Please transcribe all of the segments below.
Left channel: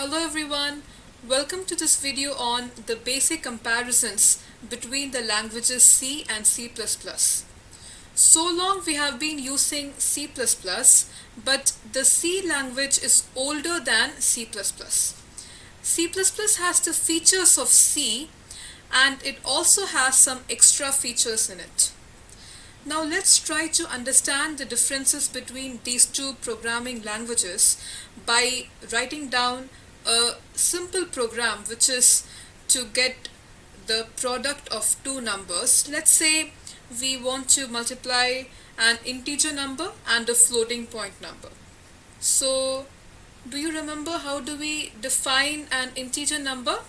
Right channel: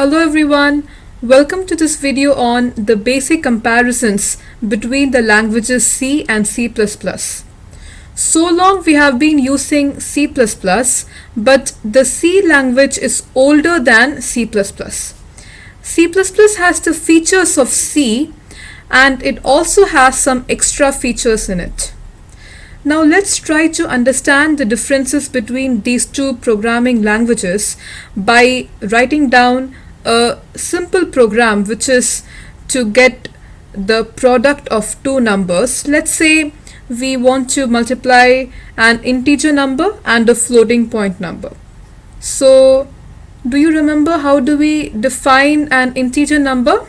Hello everyone, welcome to this video on the basic comparisons between the languages C and C++. So long we have been using C++, but the C language is older than C++. C++ has the features of C and it also has some extra features in it. Now let's try to understand the differences between these two programming languages by writing down a simple program which is to get the product of two numbers. Let's say we want to multiply an integer number and a floating point number. So do you remember how do we define an integer number?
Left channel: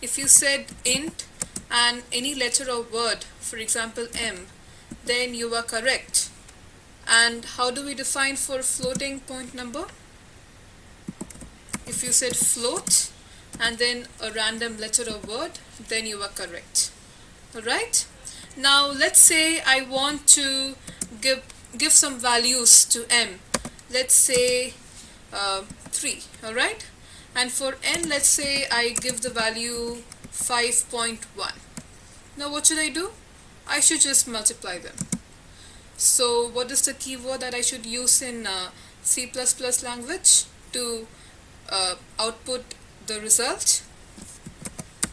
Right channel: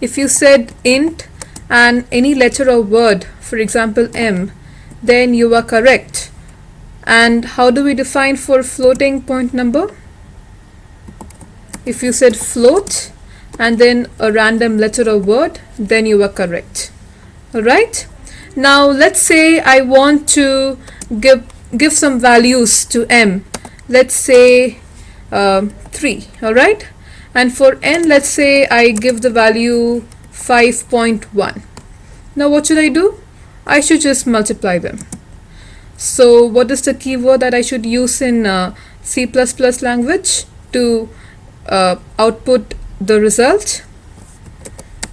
If you said int and any letter or word, for example m, then you are correct. And how do we define for floating point number? If you said float and then a random letter or word, then you are correct. Alright? Now let's say I want to give some values to m. Let's say 3. Alright? And for n, let's say I give the value 5.1. Now what should I do? I should just multiply them. So what is the keyword that I should use in C++ language to output the result?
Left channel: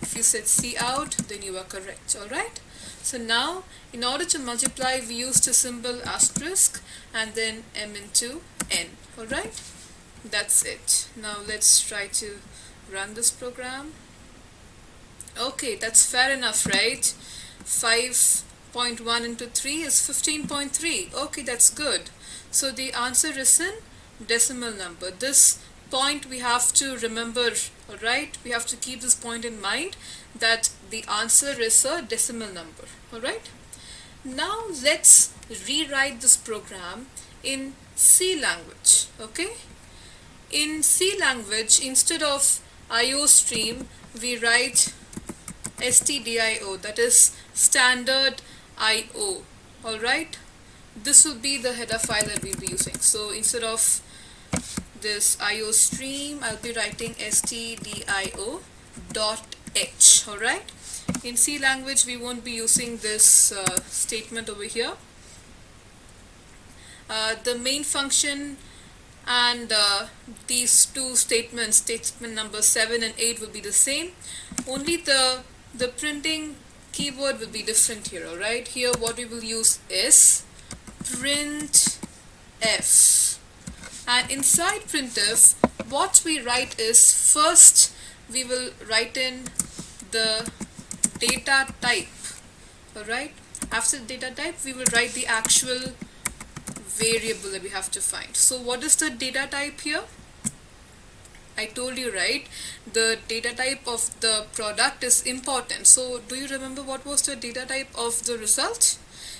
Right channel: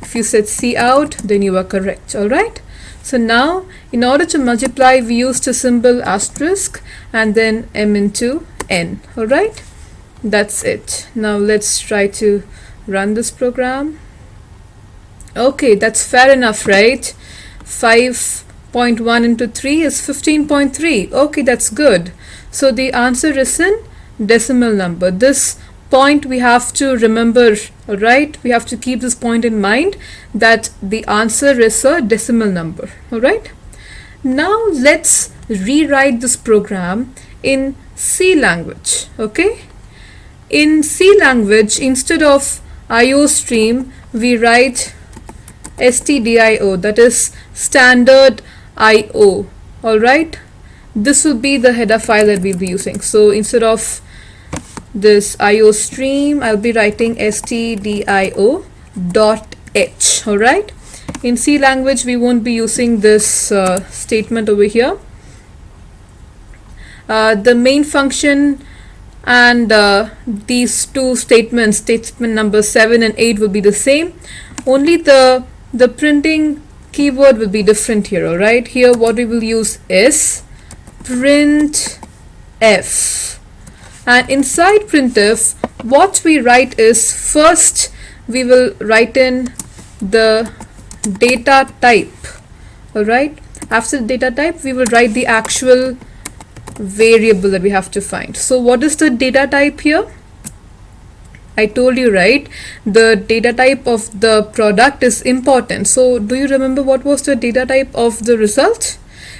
If you said cout, then you are correct. Alright? So now in order to multiply, we use the symbol asterisk and then m into n. Alright? That's it. Now let's try to run this program. Okay, that's fair enough, right? 5.1 into 3 is 15.3. Okay, that's good. So the answer is in decimal number. This point we have to remember, alright? We have to keep this point in mind that the answer is a decimal number, alright? Now let's rewrite this program in C language, okay? In C language, instead of IOStream, we write stdio, that is standard IO. Alright, this will be the header file that we'll be using. So instead of this IOStream, I'll be writing stdio.h. Alright, in C language we won't be using this statement over here. The main function and these two statements, statement number 7 and 8, will be the same. Only the printing keyword will be different here. Alright, here what we will use is printf, and inside printf what we write is, first we will write in the data type. Alright, after the data type we will write the actual variable that we have to find. So what is the data type here? I told you, right, the data type of the product is important. So do you remember what was the data type of the result?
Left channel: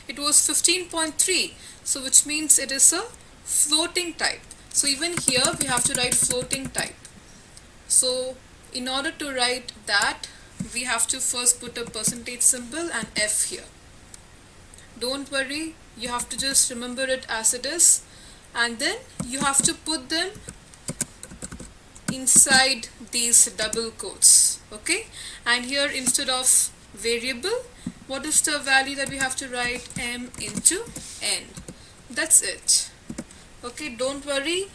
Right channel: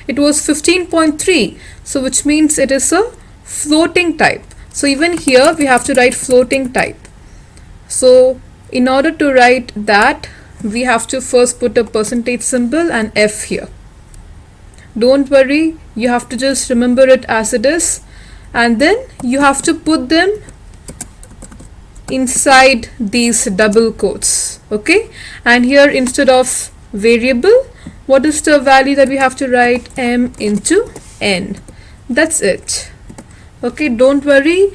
It was 15.3, so which means it is a floating type. So even here we have to write floating type. So in order to write that, we have to first put a percentage symbol and f here. Don't worry, you have to just remember it as it is, and then you have to put them inside these double quotes, okay? And here instead of variable, what is the value that we have to write? M into n. That's it. Okay, don't worry,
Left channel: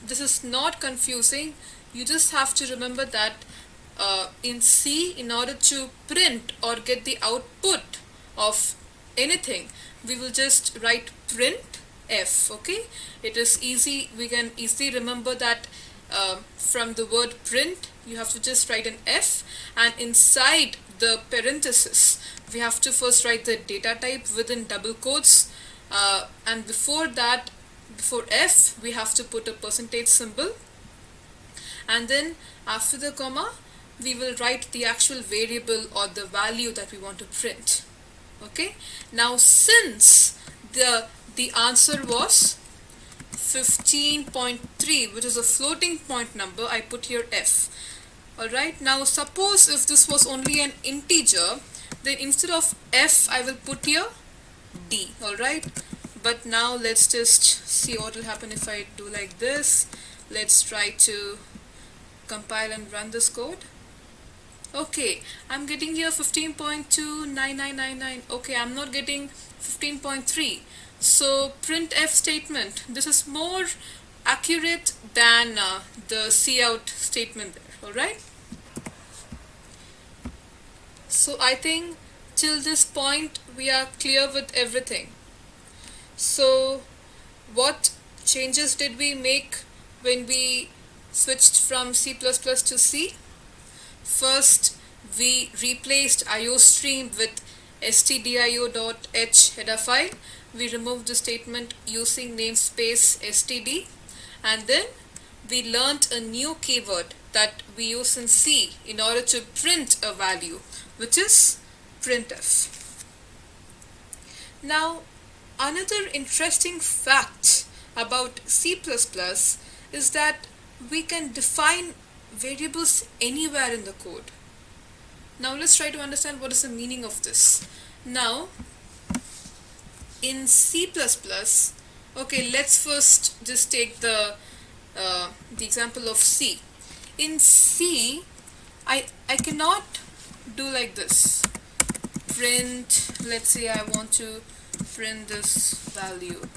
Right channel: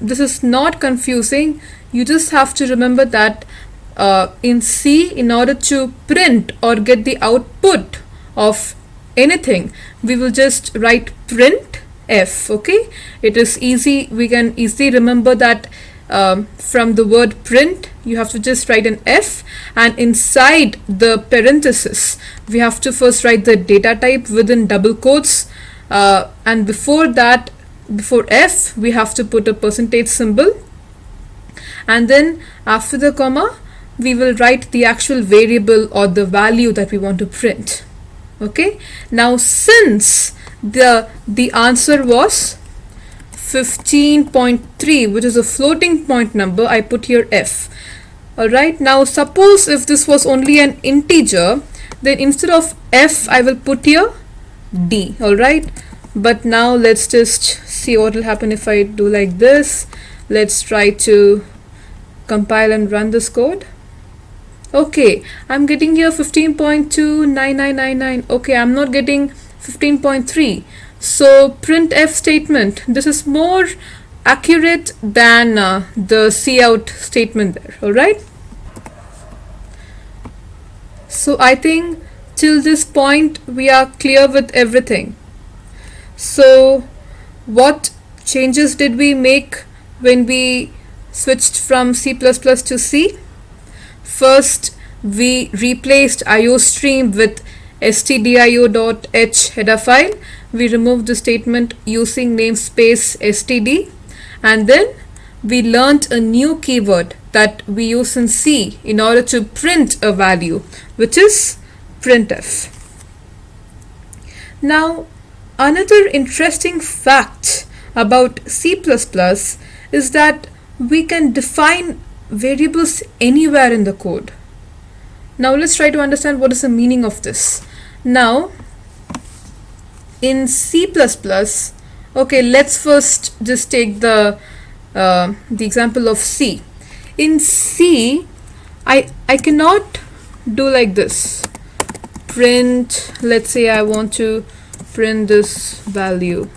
this is not confusing. You just have to remember that in C, in order to print or get the output of anything, we will just write print f. Okay, it is easy, we can easily remember that from the word print you have to just write an f, and inside the parenthesis we have to first write the data type within double quotes, and before that, before f, we have to put a percentage symbol, and then after the comma we will write the actual variable or the value that we want to print. Okay, now since the answer was 15.3, which is a floating point number, I put here f. Alright, now suppose if this was only an integer, then instead of f I will put here d. Alright, but now let's just see what will happen if I do like this. Let's try to compile and run this code. Okay, I'm getting here 15.29999. Okay, I'm not getting 15.3. So printf statement, this is more accurate than the cout statement there. Alright, so I think till this point we are clear with everything. So what changes did we make when we switched from C++ to C? First, we replaced iostream with stdio.h header file. We removed the statement using namespace std, and then we learnt a new keyword that we use in C in order to print a value, which is printf. Now, another interesting fact about C++ is that we can define variables anywhere in the code. Now let's try to understand what is the meaning of this. Now in C++, okay, let's first just take the example of C. In C, I cannot do like this. Print, let's say I want to print this value.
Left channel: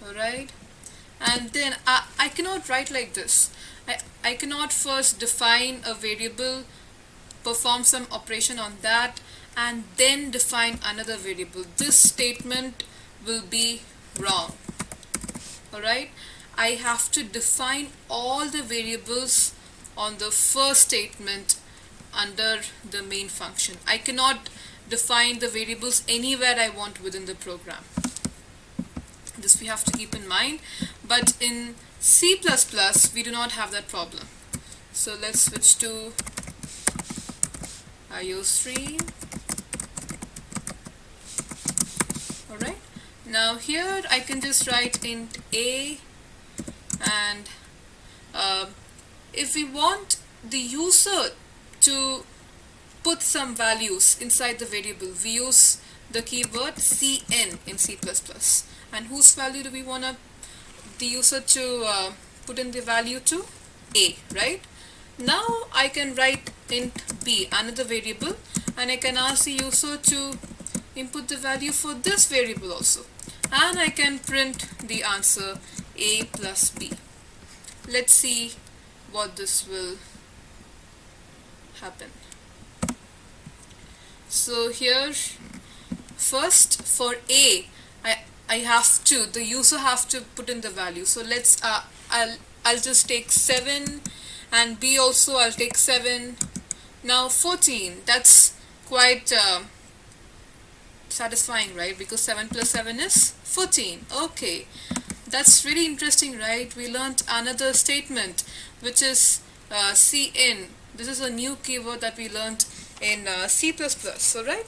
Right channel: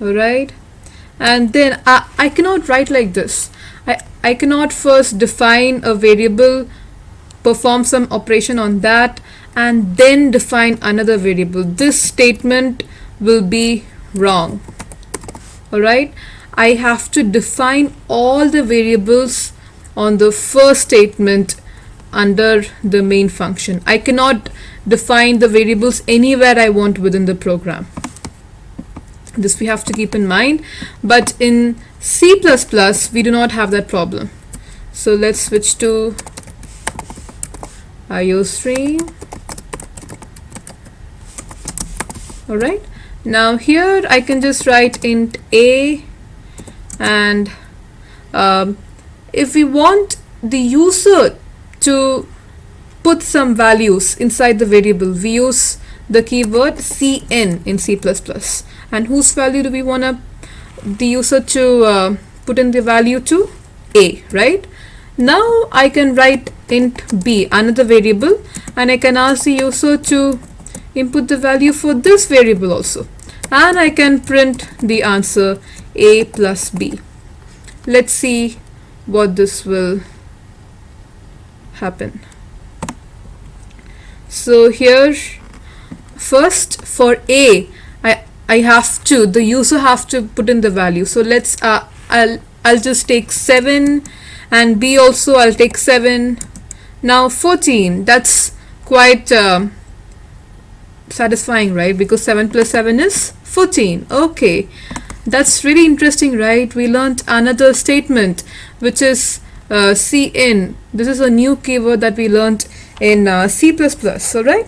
Alright, and then I cannot write like this. I cannot first define a variable, perform some operation on that, and then define another variable. This statement will be wrong. Alright, I have to define all the variables on the first statement under the main function. I cannot define the variables anywhere I want within the program. This we have to keep in mind, but in C++ we do not have that problem. So let's switch to iostream. Alright, now here I can just write int a, and if we want the user to put some values inside the variable, we use the keyword cn in C++. And whose value do we want the user to put in the value to? A, right? Now I can write int b, another variable, and I can ask the user to input the value for this variable also, and I can print the answer a plus b. Let's see what this will happen. So here, first for a, I have to, the user have to put in the value. So let's I'll just take 7, and b also I'll take 7. Now 14, that's quite satisfying, right? Because 7 plus 7 is 14. Okay, that's really interesting, right? We learned another statement, which is cin. This is a new keyword that we learned in C++. Alright,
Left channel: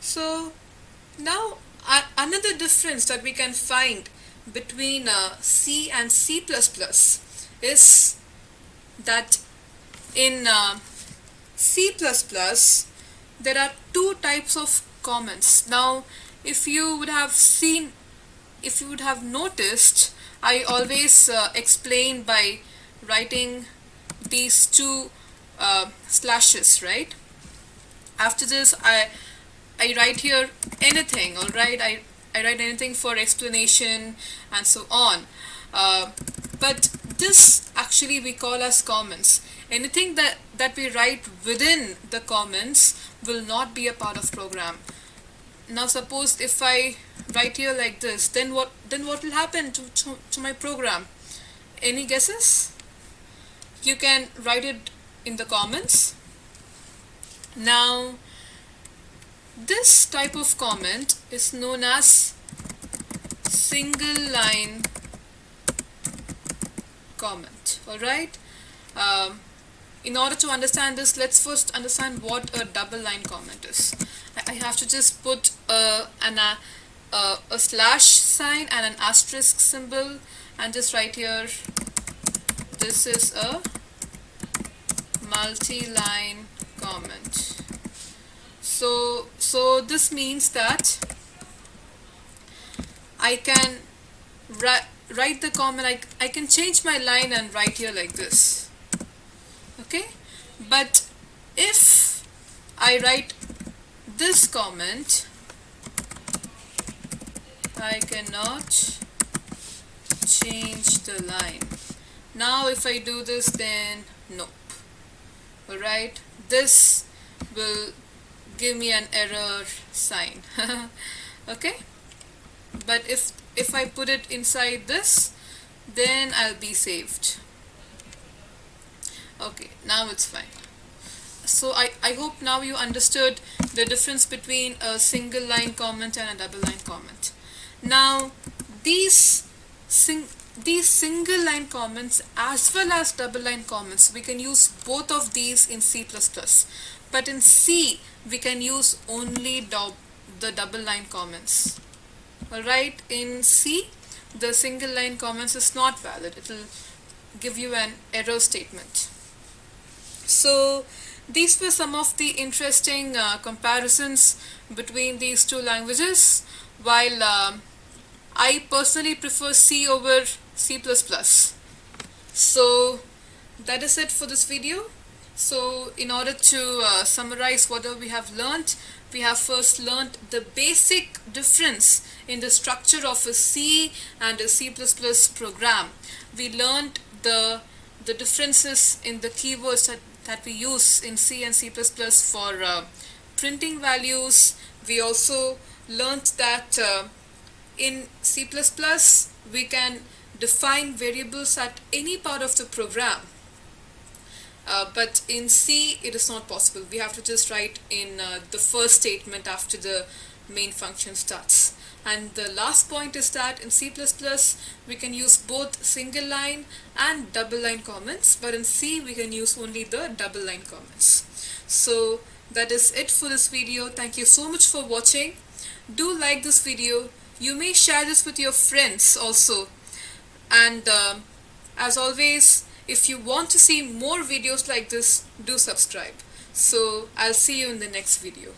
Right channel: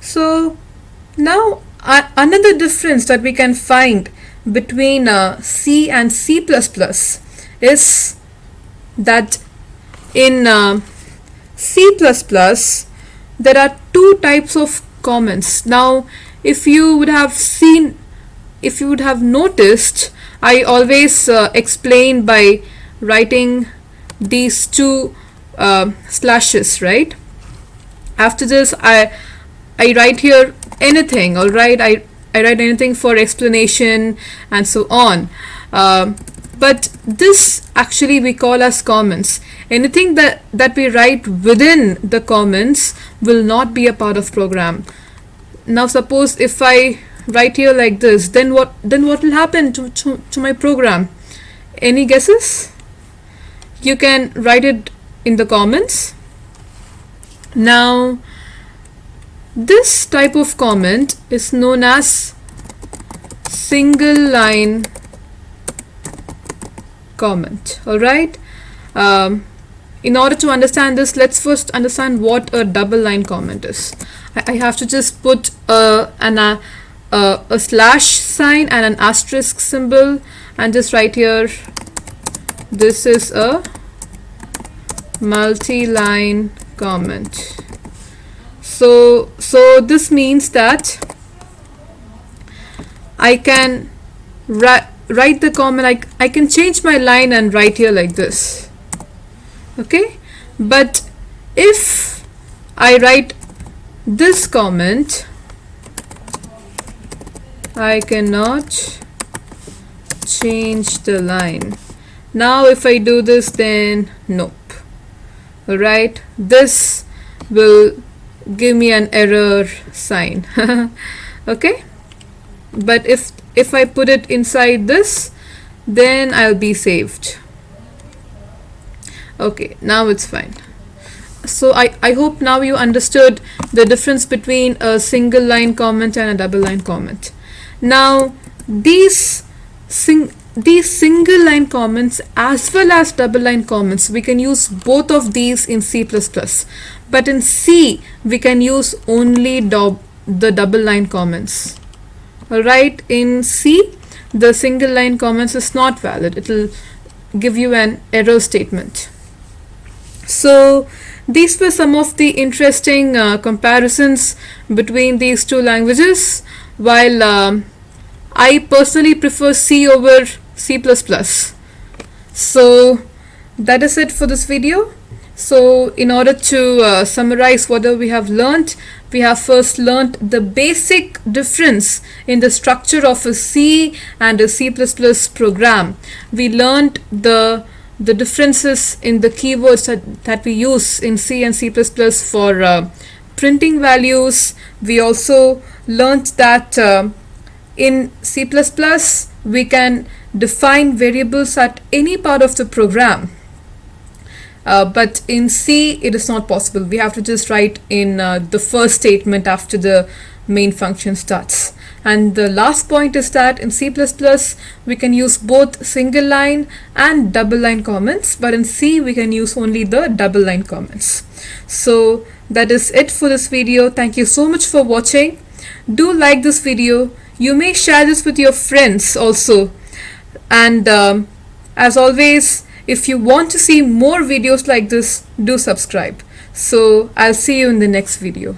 so now another difference that we can find between C and C++ is that in C++ there are two types of comments. Now if you would have noticed, I always explain by writing these two slashes, right? After this I write here anything, alright? I write anything for explanation and so on. But this actually we call as comments. Anything that we write within the comments will not be a part of program. Now suppose if I write here like this, then what will happen to my program? Any guesses? You can write it in the comments. Now this type of comment is known as single line comment. Alright, in order to understand this, let's first understand what a double line comment is. I have to just put a slash sign and an asterisk symbol and just write here, this is a multi-line comment. So this means that I can write the comment, I can change my line and write here like this. Okay, but if I write this comment, I cannot change the line. Now if I do this, then nope. Alright, this will give me an error sign. Okay, but if I put it inside this, then I'll be saved. Okay, now it's fine. So I hope now you understood the difference between a single line comment and a double line comment. Now these single line comments as well as double line comments, we can use both of these in C++, but in C we can use only the double line comments. Alright, in C the single line comments is not valid, it will give you an error statement. So these were some of the interesting comparisons between these two languages, while I personally prefer C over C++. So that is it for this video. So in order to summarize whatever we have learned, we have first learned the basic difference in the structure of a C and a C++ program. We learned the differences in the keywords that we use in C and C++ for printing values. We also learned that in C++ we can define variables at any part of the program, but in C it is not possible. We have to just write in the first statement after the main function starts. And the last point is that in C++ we can use both single line and double line comments, but in C we can use only the double line comments. So that is it for this video. Thank you so much for watching. Do like this video. You may share this with your friends also. And as always, if you want to see more videos like this, do subscribe. So I'll see you in the next video.